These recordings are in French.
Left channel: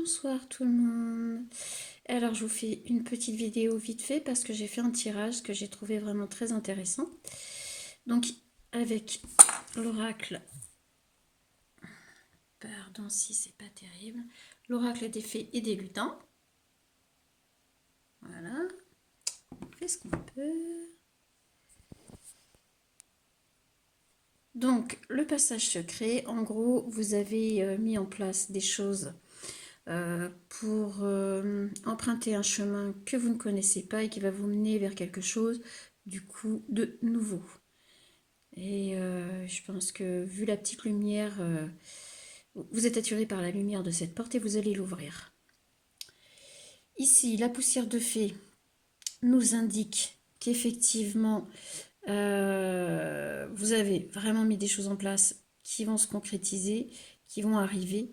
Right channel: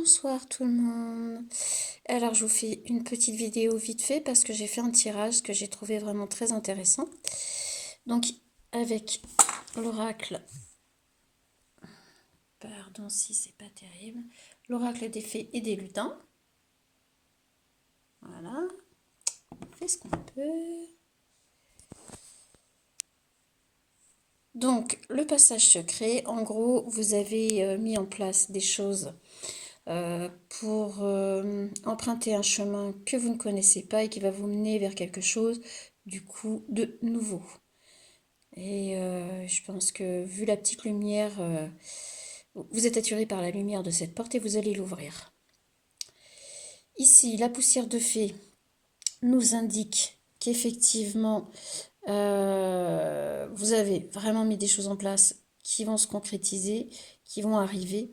Bonsoir tout le monde. Alors je vous fais une petite vidéo vite fait parce que j'ai fait un tirage que j'ai trouvé vraiment très intéressant. Donc avec l'oracle, pardon si c'est pas terrible, l'oracle des fées et des lutins. Voilà, on fait ce qu'on peut. Donc le passage secret, en gros vous avez mis en place des choses pour emprunter un chemin que vous ne connaissez pas et qui va vous mener vers quelque chose du coup de nouveau. Et je pense que vu la petite lumière, vous êtes attiré par la lumière de cette porte et vous allez l'ouvrir. Ici, la poussière de fée nous indique qu'effectivement, vous avez vraiment mis des choses en place qui vont se concrétiser, qui vont arriver.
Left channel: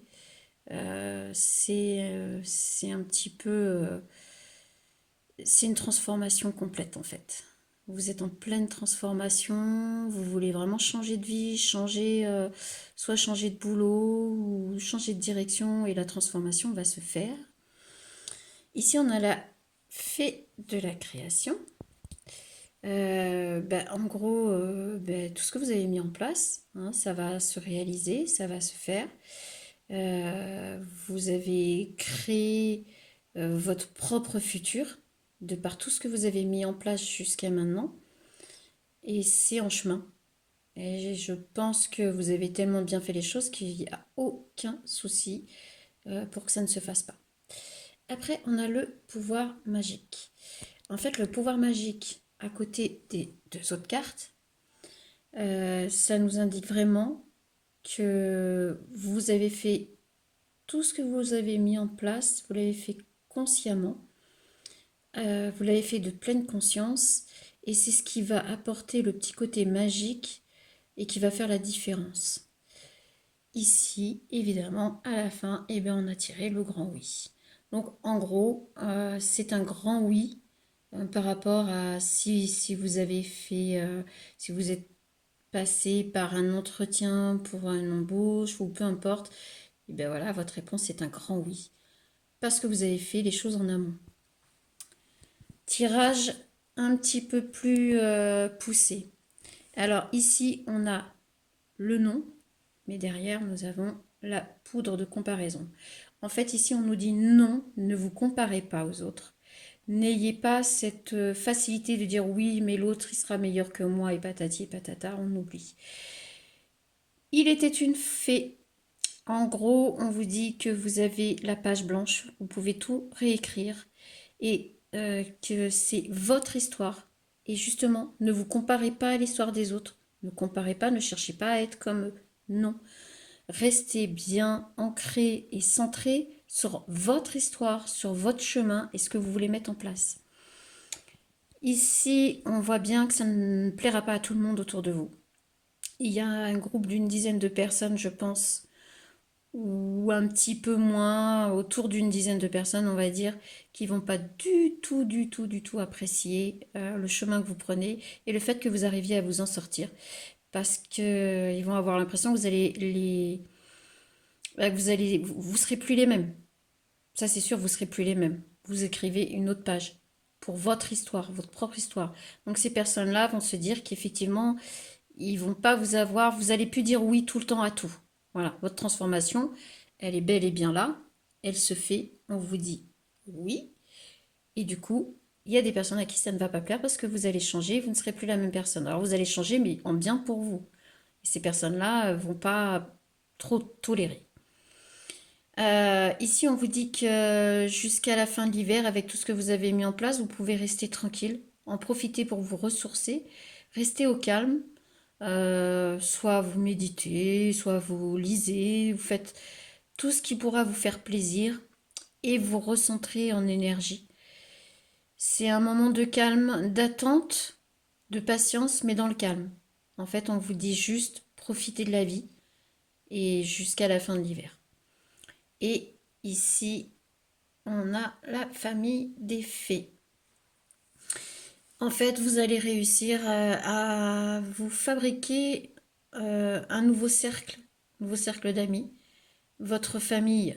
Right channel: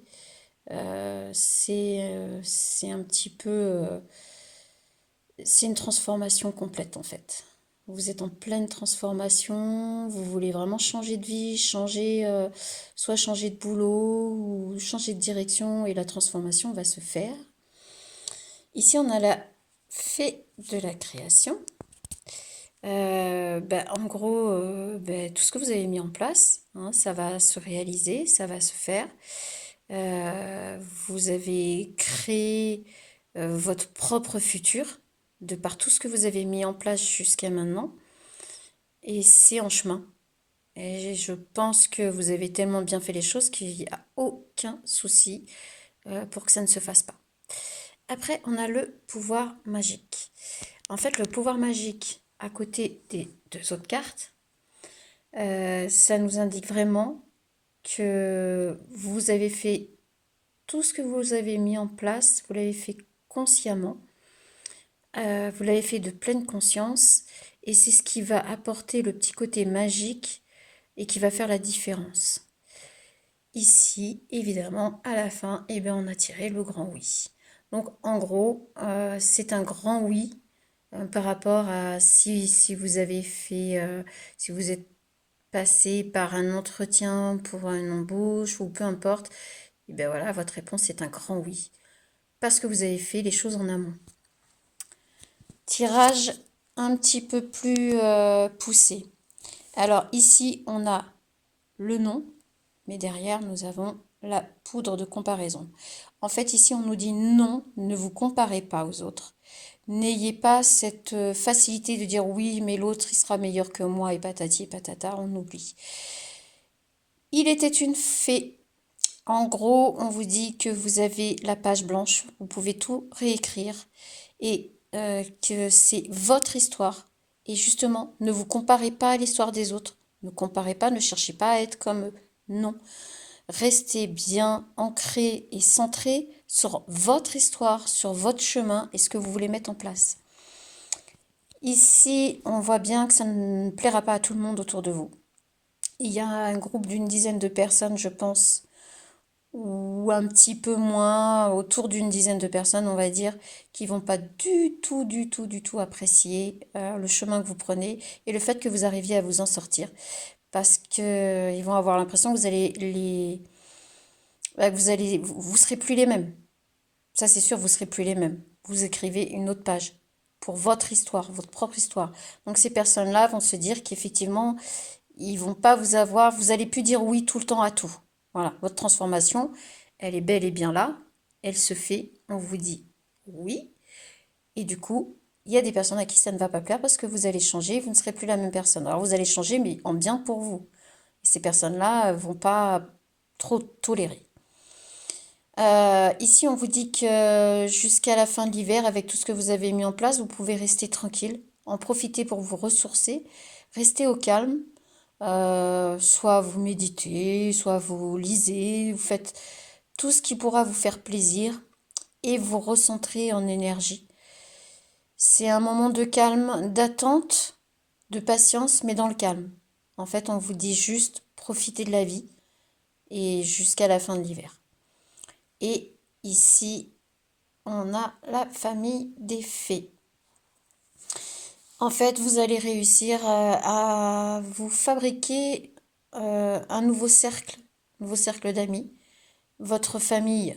C'est un petit peu... c'est une transformation complète en fait. Vous êtes en pleine transformation, vous voulez vraiment changer de vie, soit changer de boulot ou changer de direction et la transformation va se faire. Ici, on a la fée de la création. En gros, tout ce que vous avez mis en place, hein, ça va se réaliser, ça va se faire. Vous avez créé votre propre futur de par tout ce que vous avez mis en place jusqu'à maintenant. Et c'est en chemin. Et je pense que vous avez tellement bien fait les choses qu'il n'y a aucun souci pour que ça ne se fasse pas. Après, on a le pouvoir magique. En fait, le pouvoir magique, à côté des deux autres cartes, ça nous indique vraiment que vous avez fait tout ce que vous avez mis en place, vous l'avez fait consciemment, vous l'avez fait de pleine conscience, et c'est ce qui va apporter le petit côté magique et qui va faire la différence. Ici, évidemment, à la fin, on a tiré le grand oui. Donc, en gros, c'est un grand oui par rapport à si vous avez fait, si vous êtes passé par un entretien pour une embauche ou peu importe, voilà, votre réponse est un grand oui. Parce que vous avez fait les choses en amont. Tirage un petit peu plus poussé. Alors ici, on a le nom, mais derrière, nous avons la poudre de comparaison. En fait, ici, on nous dit non, ne vous comparez pas aux autres. N'ayez pas cette facilité de dire oui, mais l'autre, il sera meilleur que moi, et patati et patata, on oublie. Il était une fée. En gros, on vous dit que vous avez la page blanche, vous pouvez tout réécrire et que c'est votre histoire. Et justement, ne vous comparez pas à l'histoire des autres. Ne comparez pas, ne cherchez pas à être comme eux. Non. Restez bien ancré et centré sur votre histoire, sur votre chemin et ce que vous voulez mettre en place. Ici, on voit bien que ça ne plaira pas à tout le monde autour de vous. Il y a un groupe d'une dizaine de personnes, je pense, ou un petit peu moins, autour d'une dizaine de personnes, on va dire, qui vont pas du tout apprécier le chemin que vous prenez et le fait que vous arriviez à vous en sortir. Parce que ils vont avoir l'impression que vous serez plus les mêmes. Ça, c'est sûr, vous serez plus les mêmes. Vous écrivez une autre page pour votre histoire, votre propre histoire. Donc, ces personnes-là vont se dire qu'effectivement, ils vont pas vous avoir, vous allez plus dire oui tout le temps à tout. Voilà, votre transformation, elle est bel et bien là, elle se fait, on vous dit oui. Et du coup, il y a des personnes à qui ça ne va pas plaire parce que vous allez changer, vous ne serez plus la même personne. Alors, vous allez changer, mais en bien pour vous. Et ces personnes-là vont pas trop tolérer. Ici, on vous dit que jusqu'à la fin de l'hiver, avec tout ce que vous avez mis en place, vous pouvez rester tranquille, en profiter pour vous ressourcer, rester au calme. Soit vous méditez, soit vous lisez, vous faites tout ce qui pourra vous faire plaisir et vous recentrer en énergie. C'est un moment de calme, d'attente, de patience, mais dans le calme. En fait, on vous dit juste profitez de la vie et jusqu'à la fin de l'hiver. Et ici, on a la famille des fées. En fait, vous allez réussir à vous fabriquer un nouveau cercle d'amis. Votre famille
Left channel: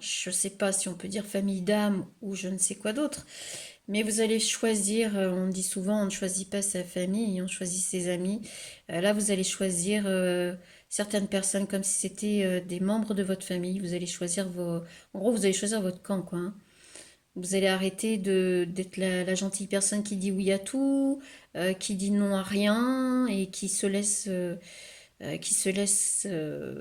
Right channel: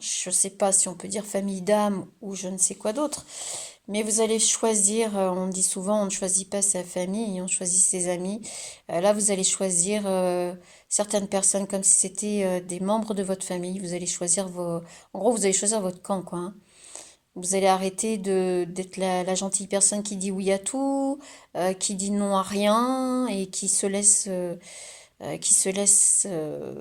je ne sais pas si on peut dire famille d'âme ou je ne sais quoi d'autre, mais vous allez choisir, on dit souvent, on ne choisit pas sa famille, on choisit ses amis. Là, vous allez choisir certaines personnes comme si c'était des membres de votre famille. Vous allez choisir vos... En gros, vous allez choisir votre camp, quoi, hein. Vous allez arrêter d'être la gentille personne qui dit oui à tout, qui dit non à rien et qui se laisse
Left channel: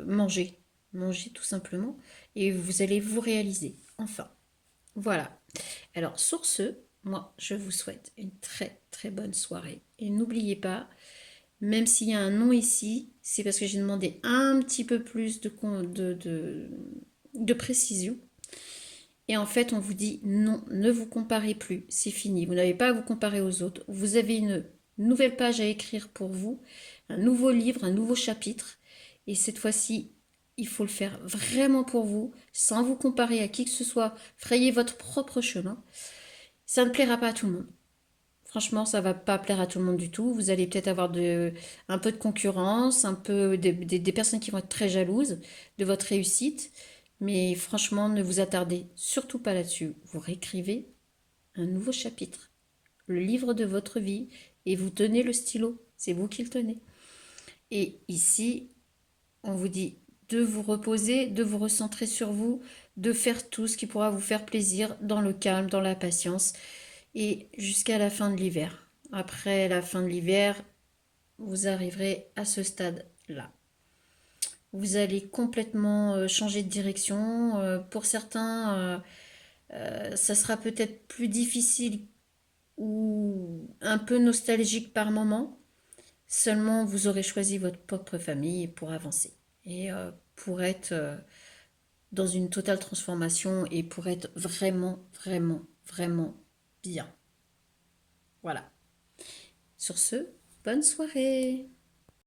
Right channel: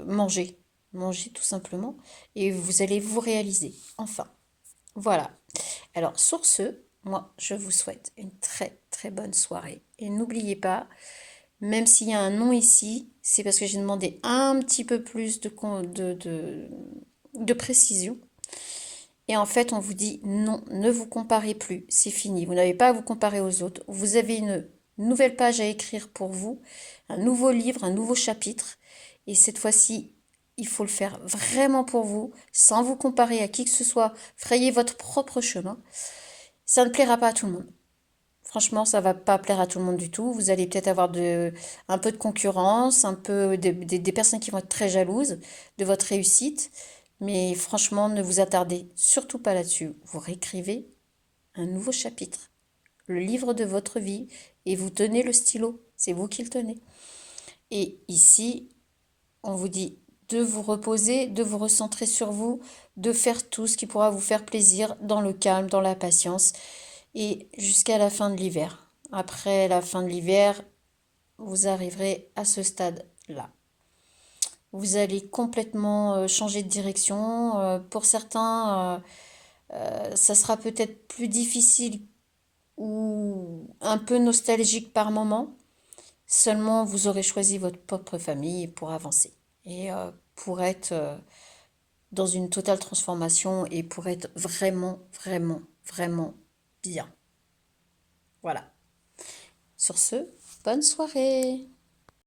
manger. Manger tout simplement. Et vous allez vous réaliser. Enfin, voilà. Alors, sur ce, moi, je vous souhaite une très très bonne soirée. Et n'oubliez pas, même s'il y a un non ici, c'est parce que j'ai demandé un petit peu plus de précision. Et en fait, on vous dit non, ne vous comparez plus, c'est fini. Vous n'avez pas à vous comparer aux autres. Vous avez une nouvelle page à écrire pour vous, un nouveau livre, un nouveau chapitre. Et cette fois-ci, il faut le faire vraiment pour vous, sans vous comparer à qui que ce soit. Frayez votre propre chemin. Ça ne plaira pas à tout le monde. Franchement, ça va pas plaire à tout le monde du tout. Vous allez peut-être avoir un peu de concurrence, un peu des personnes qui vont être très jalouses de votre réussite. Mais franchement, ne vous attardez surtout pas là-dessus. Vous réécrivez un nouveau chapitre, le livre de votre vie, et vous tenez le stylo. C'est vous qui le tenez. Et ici, on vous dit de vous reposer, de vous recentrer sur vous, de faire tout ce qui pourra vous faire plaisir dans le calme, dans la patience et jusqu'à la fin de l'hiver. Après la fin de l'hiver, vous arriverez à ce stade-là. Vous allez complètement changer de direction. Pour certains, ça sera peut-être plus difficile ou un peu nostalgique par moment. Seulement, vous aurez choisi votre propre famille pour avancer et pour être dans une totale transformation et pour être vraiment, vraiment, vraiment bien. Voilà. Sur ce, bonne soirée.